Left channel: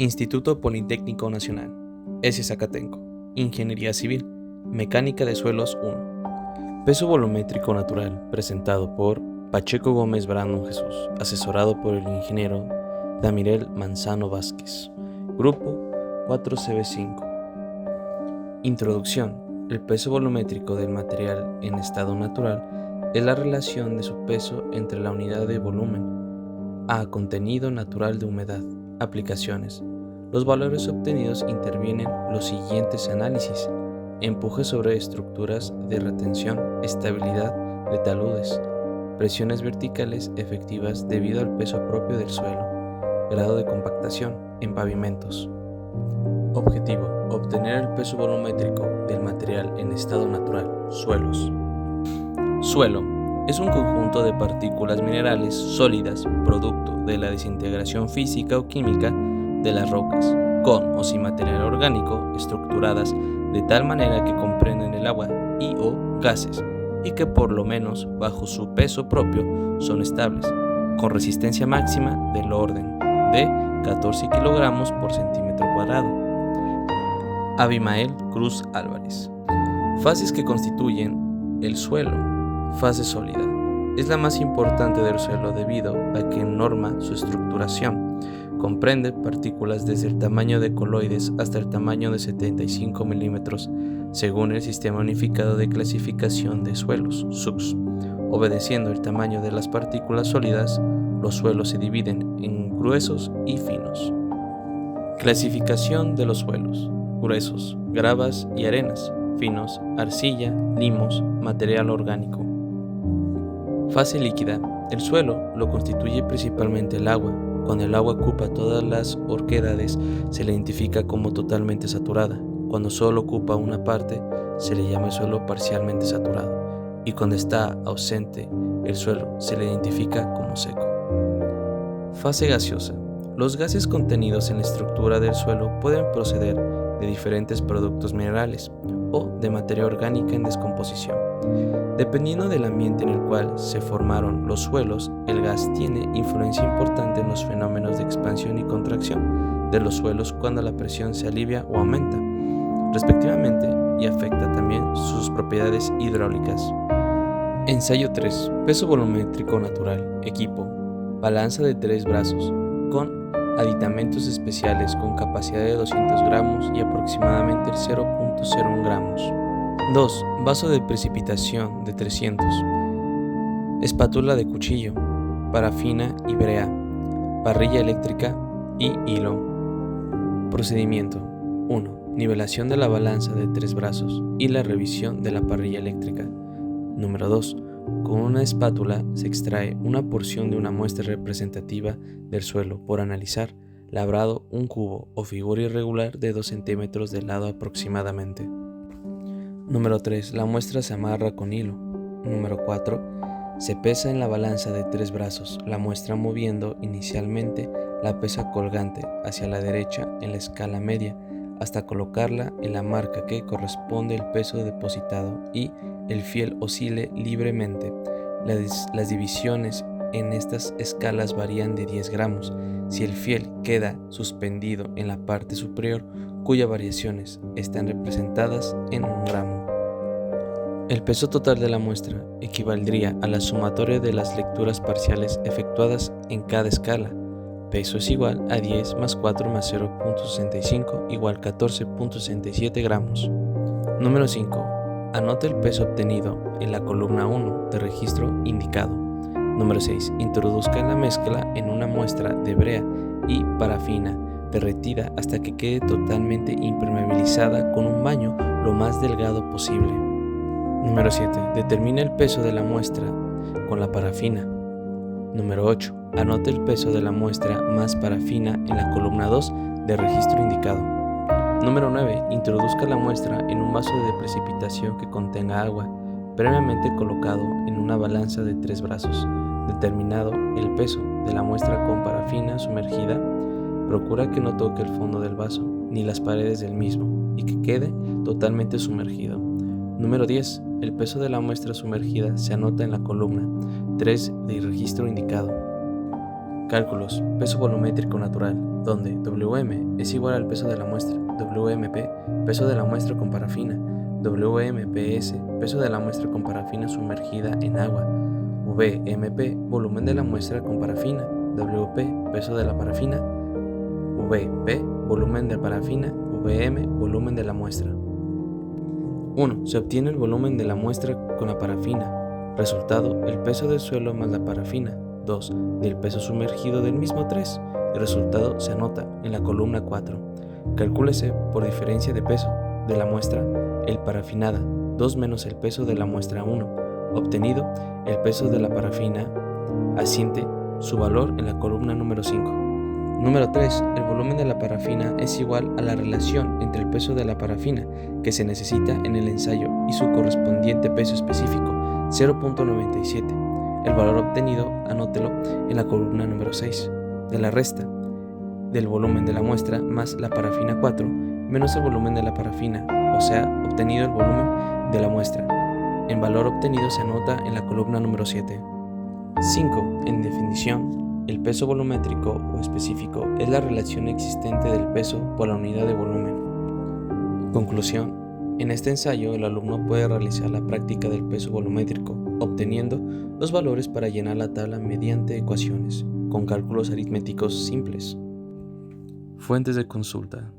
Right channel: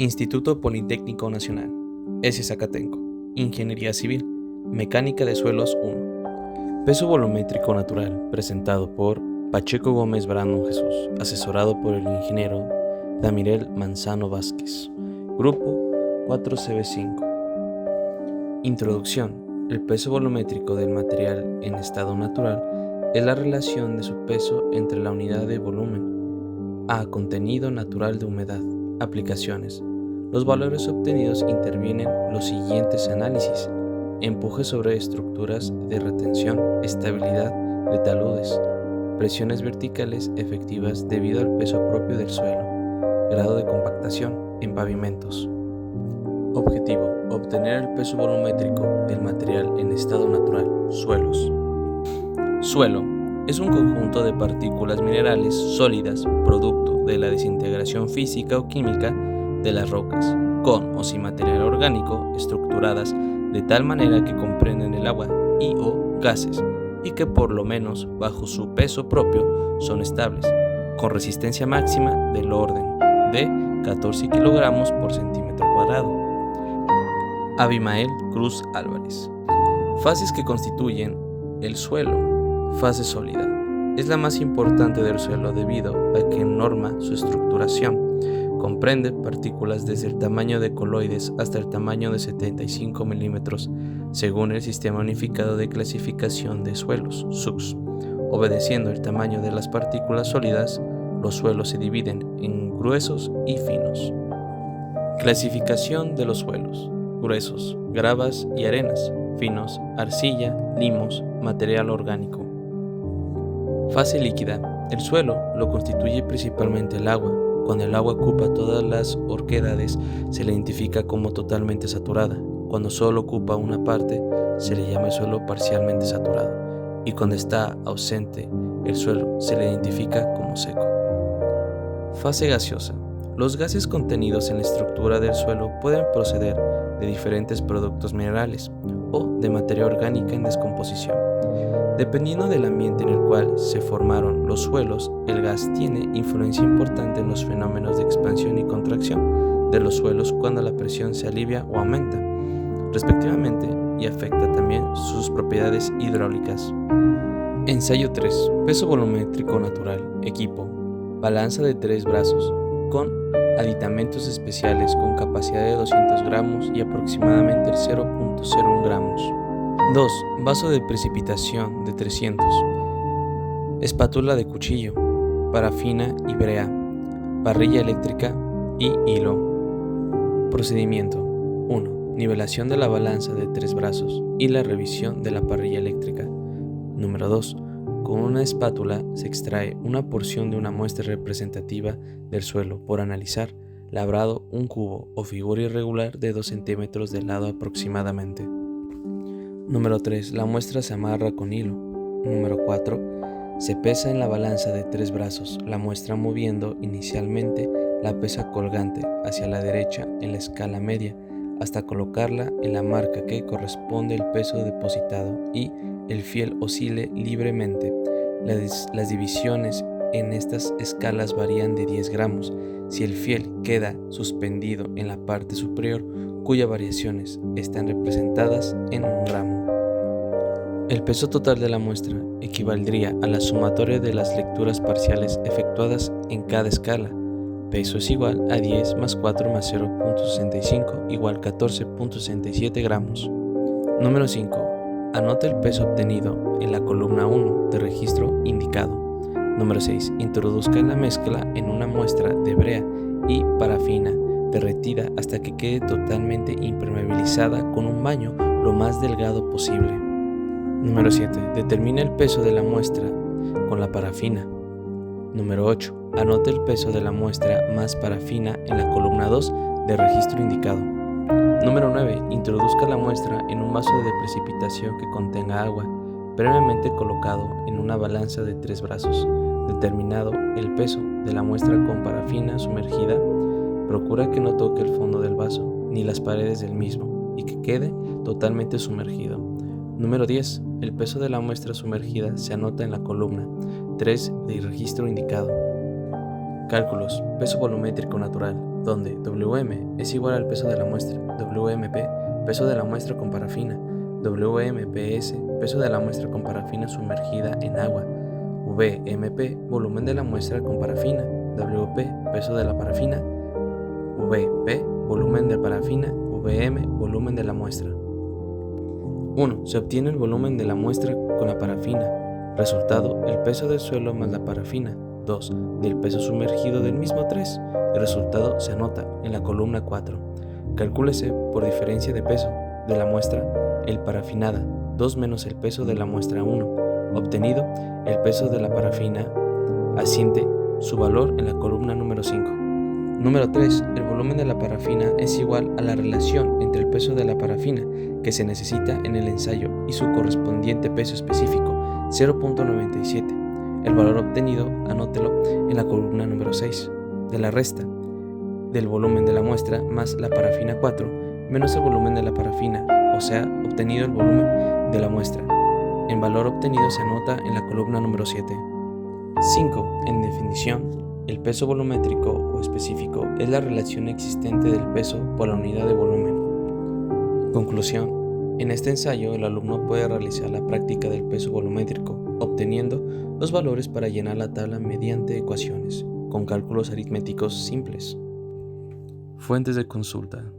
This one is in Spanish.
Instituto Politécnico Nacional, S. Zacatenco, Ingeniería Civil, Mecánica de Suelos 1. Peso volumétrico natural, presentado por Pacheco Gómez Brandon Jesús, asesorado por el ingeniero Damirel Manzano Vázquez. Grupo 4CB5. Introducción. El peso volumétrico del material en estado natural es la relación de su peso entre la unidad de volumen a contenido natural de humedad. Aplicaciones. Los valores obtenidos intervienen los siguientes análisis: empuje sobre estructuras de retención, estabilidad de taludes, presiones verticales efectivas debido al peso propio del suelo, grado de compactación en pavimentos. Objetivo: obtener el peso volumétrico del material en estado natural, suelos. Suelo es un conjunto de partículas minerales sólidas, producto de la desintegración física o química de las rocas, con o sin material orgánico, estructuradas de tal manera que comprenden el agua y o gases, y que por lo menos bajo su peso propio son estables, con resistencia máxima del orden de 14 kg por centímetro cuadrado. Abimael Cruz Álvarez. Fases que constituyen el suelo. Fase sólida. Es la más importante del suelo debido a que norma su estructuración. Comprende partículas desde el tamaño de coloides hasta el tamaño de 75 milímetros, según el Sistema Unificado de Clasificación de Suelos, SUCS. Obedeciendo el tamaño de las partículas sólidas, los suelos se dividen en gruesos y finos. Clasificación de los suelos. Gruesos, gravas y arenas. Finos, arcilla, limos, material orgánico. Fase líquida. El suelo lo constituye principalmente el agua. Cuando el agua ocupa todas las oquedades, se le identifica como totalmente saturada. Cuando solo ocupa una parte, se le llama el suelo parcialmente saturado. Y cuando está ausente el suelo, se le identifica como seco. Fase gaseosa. Los gases contenidos en la estructura del suelo pueden proceder de diferentes productos minerales o de materia orgánica en descomposición. Dependiendo del ambiente en el cual se formaron los suelos, el gas tiene influencia importante en los fenómenos de expansión y contracción de los suelos cuando la presión se alivia o aumenta, respectivamente, y afecta también sus propiedades hidráulicas. Ensayo 3. Peso volumétrico natural. Equipo. Balanza de 3 brazos, con aditamentos especiales con capacidad de 200 gramos y aproximadamente 0.01 gramos. 2. Vaso de precipitación de 300. Espátula de cuchillo, parafina y brea, parrilla eléctrica y hilo. Procedimiento. 1. Nivelación de la balanza de 3 brazos y la revisión de la parrilla eléctrica. Número 2. Con una espátula se extrae una porción de una muestra representativa del suelo por analizar, labrado un cubo o figura irregular de 2 centímetros de lado aproximadamente. Número 3. La muestra se amarra con hilo. Número 4. Se pesa en la balanza de 3 brazos, la muestra moviendo inicialmente la pesa colgante hacia la derecha en la escala media hasta colocarla en la marca que corresponde al peso depositado y el fiel oscile libremente. Las divisiones en estas escalas varían de 10 gramos si el fiel queda suspendido en la parte superior, cuyas variaciones están representadas en 1 gramo. El peso total de la muestra equivaldría a la sumatoria de las lecturas parciales efectuadas en cada escala. Peso es igual a 10 más 4 más 0.65 igual 14.67 gramos. Número 5. Anota el peso obtenido en la columna 1 de registro indicado. Número 6. Introduzca la mezcla en una muestra de brea y parafina derretida hasta que quede totalmente impermeabilizada con un baño lo más delgado posible. Número 7. Determina el peso de la muestra con la parafina. Número 8. Anote el peso de la muestra más parafina en la columna 2 de registro indicado. Número 9. Introduzca la muestra en un vaso de precipitación que contenga agua, previamente colocado en una balanza de 3 brazos. Determinado el peso de la muestra con parafina sumergida, procura que no toque el fondo del vaso ni las paredes del mismo y que quede totalmente sumergido. Número 10. El peso de la muestra sumergida se anota en la columna 3 del registro indicado. Cálculos. Peso volumétrico natural. donde Wm es igual al peso de la muestra, Wmp, peso de la muestra con parafina, Wmps, peso de la muestra con parafina sumergida en agua, Vmp, volumen de la muestra con parafina, Wp, peso de la parafina, Vp, volumen de parafina, Vm, volumen de la muestra. 1. Se obtiene el volumen de la muestra con la parafina. Resultado, el peso del suelo más la parafina. 2. Del peso sumergido del mismo 3. El resultado se anota en la columna 4. Calcúlese por diferencia de peso de la muestra el parafinada 2 menos el peso de la muestra 1. Obtenido, el peso de la parafina asiente su valor en la columna número 5. Número 3. El volumen de la parafina es igual a la relación entre el peso de la parafina que se necesita en el ensayo y su correspondiente peso específico, 0.97. El valor obtenido, anótelo en la columna número 6. De la resta del volumen de la muestra más la parafina 4 menos el volumen de la parafina, o sea, obtenido el volumen de la muestra. El valor obtenido se anota en la columna número 7. 5. En definición, el peso volumétrico o específico es la relación existente del peso por la unidad de volumen. Conclusión. En este ensayo, el alumno puede realizar la práctica del peso volumétrico, obteniendo los valores para llenar la tabla mediante ecuaciones, con cálculos aritméticos simples. Fuentes de consulta.